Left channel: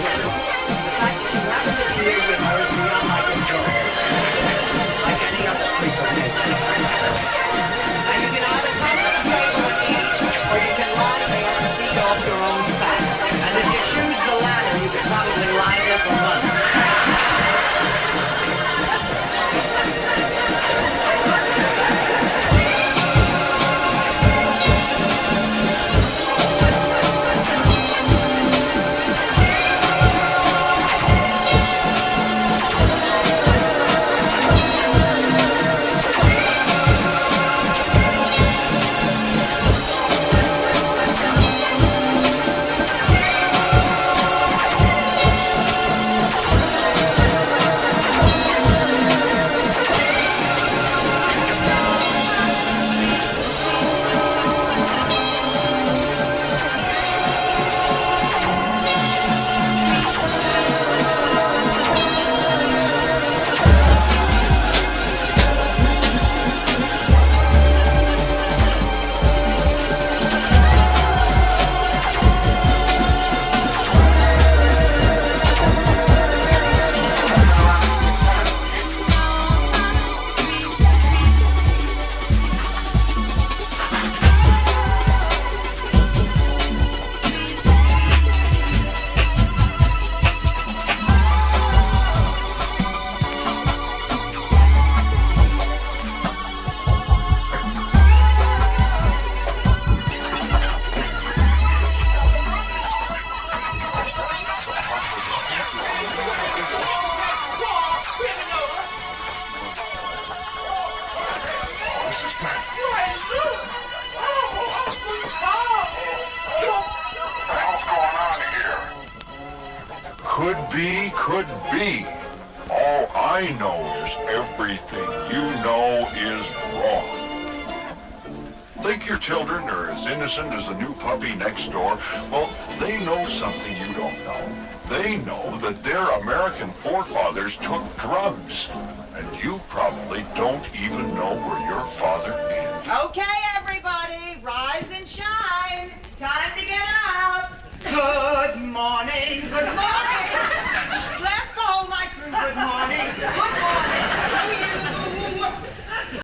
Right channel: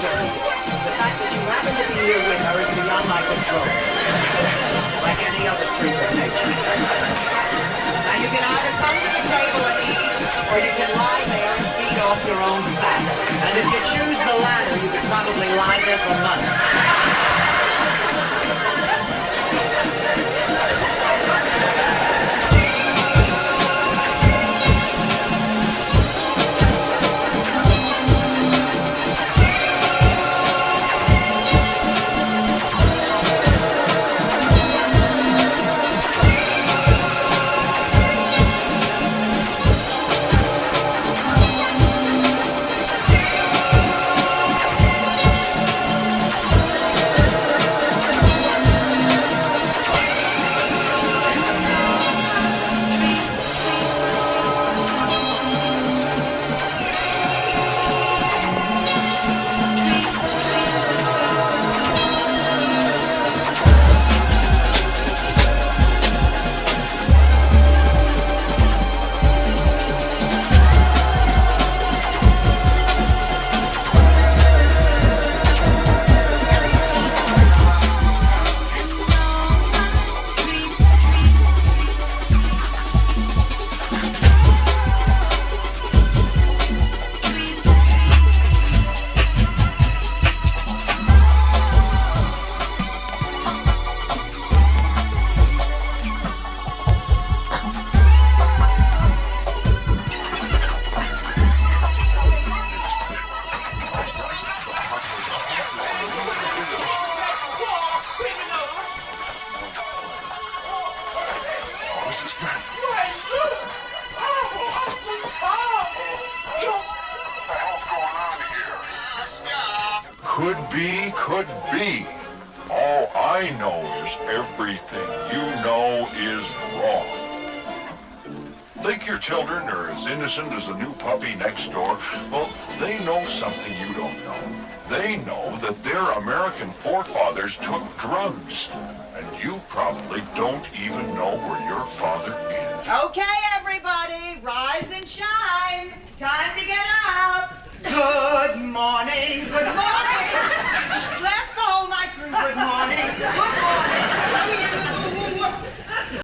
The fact that you happen to be here with her is beyond my control. Like any other freak of nature. Now you can either come to the table and eat, or you can lie there and feed off your own fat. And if you choose the latter, you could probably lie there for months. Could be. All I know is everything you know is wrong. Think your children are as innocent as a new puppy next door? Well, they know something you don't know. They know that their American forefathers took drugs. And you probably don't even know where your father is. Okay, everybody, rise and shine. Time to get up. Good morning, good morning. Slept the whole night through, good morning.